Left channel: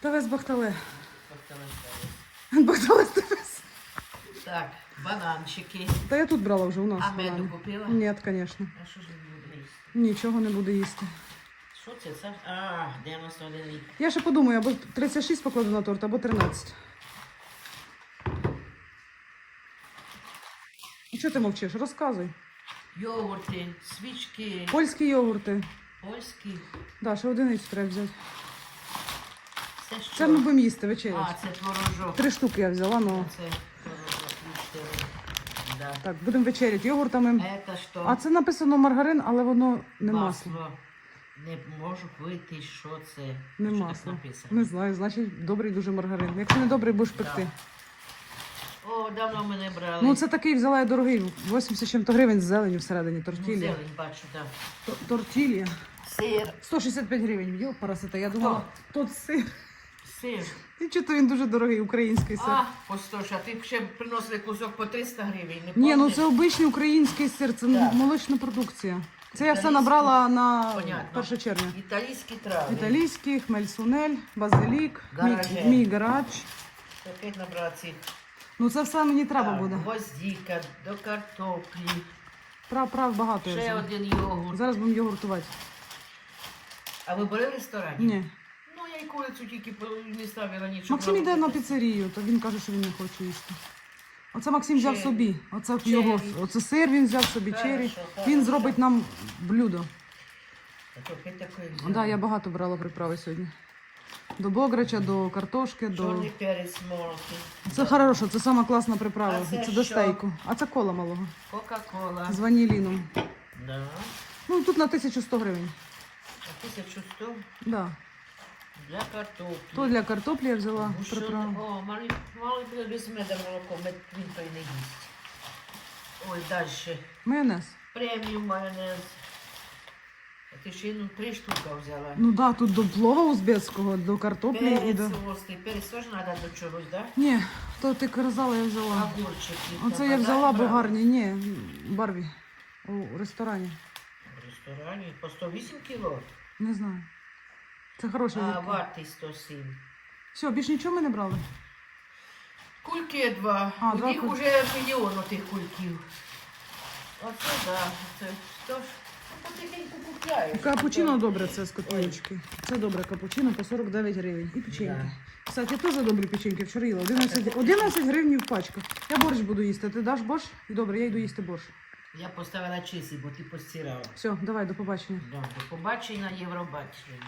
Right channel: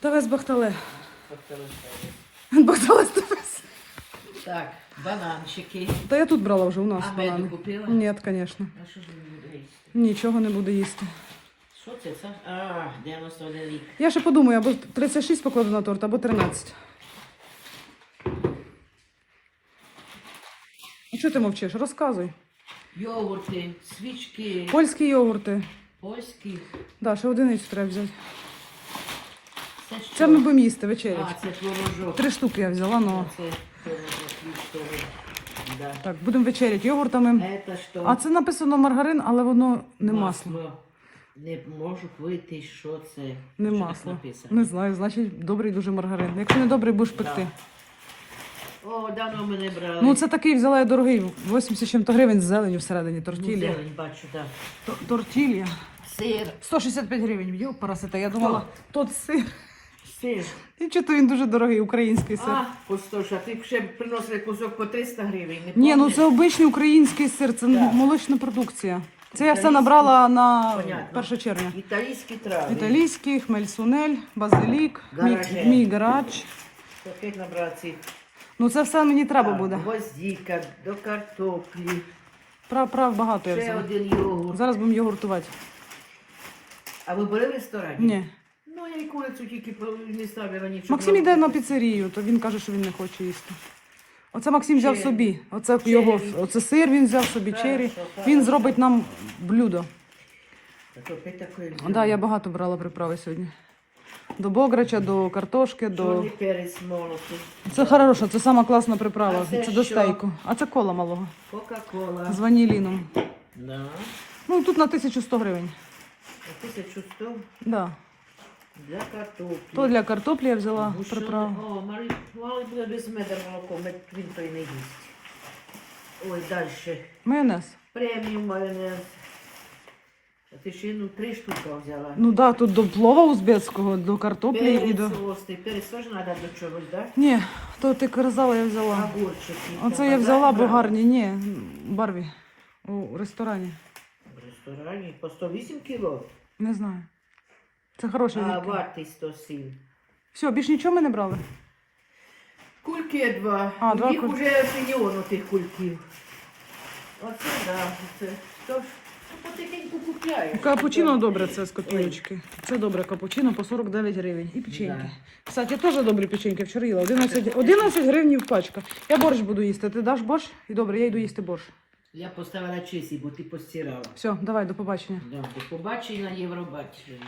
Тавес Бахтале. Бахтале. Бахтале Тавес. Так, бананчики. Та я тут брала вже у нас. А меду банани. купила? Ні, звісно. А що ж він буде їсти? Нічого не буде їсти. Що це? це? А, 91 рік. Я ще подумаю, або 36 покладу на торт, або 13. А чого ти мовчиш? Розказуй. Йогурти, свічки, Польські йогурти. польські. Да, ще одиницю треба взяти. Це що? Це ми будемо їсти вечерю. А, це творожок. Три штуки я взяла, ну. А це творожок. Да. Так, будемо вечеряти йогуртами. Это що? А це написано маргарин, але воно не масло. Не можу вийти, що це. Не що масло. Написано. Не знаю, значить добрий дуже маргарин. Якщо не добрий, будеш пекти. О, давно ми не брали. Ну це такий взяла я дорогий, 80 чим-то гривень з зеленю всередині, Ну, зелень бачу, так. Т- Тортілля. Сир. 165 гривень, б'ю парасита. Я думала, тут сир. Сир. І чого він дуже дорогий, український сир. А, по 100, а ти б ще приносили кусок по 300 гривень. Не Ні, ну це обичний український сир, це Так. молочна продукція. Це я все Італійський. набрала на Понятно. 1 червня. Італійські трави. Італійський, хмель-сунель, базилік, мій, Гараже. мій гарач. Опять набрати цих. Ну це все мені треба Так, буде. Гвоздіка, до картоплі. Прав, прав, багато я Ще взяла. один йогурт. Зараз будемо йогуртувати. А ви були в ресторані? Ні. Я й курицю тільки не ставила нічого. Максим йде на піцерію, то він каже, що він не хоче їсти. Оце Максим взяв Чері. собі. Оце Чері. його, оце сир він взяв собі, Хорошо, чері. Він зробить нам блюдо. Так, да, я багато брала приправи сьогодні. До бограча, до картошки, до. Перець молотий. Це хорошо, це сама класна приправа. А це це до що? стейку. А це кола малого. Кока-кола. З ваніліном. Да. Ну тут на 1100 гривень. А 1100 Да. Для картоплі. То для картоплі я взяла Гущон- приправу. О, мали, мали буде без меда молоко, мед він то не їсть. Ой, далі. Майонез. Преміум майонез. А ти ще ну три штуки взяла. Ну да, тут до плова узбецького, до картоплі і Перець до. острий, перець теж треба до чогось, так? Ні, то ти казала, я взяла. Огурчики. Оце я взяла, бо гарні. Ні, барві. У ресторані. В ресторані по 108 кіло, Не знаю. Це хороші. а вартість 107. Все, більш нічого ми не брали. Кульки два. А, два них кульки. вже мільйон тих кульків. Оце да, це ж ну, потихеньку купляють. Капучино добре, це з копійочки. Це добре капучино по 49 гривень. І печеньки. Кстати, теж добрі печеньки вчора їла. 11, 11 гривень пачка. Я борщ буду їсти. Ти даш борщ? І добре, я йду їсти борщ. Я поставила чисі, бо ти постирала. Все, давай, до побачення. Да, до побачення на Євробаченні.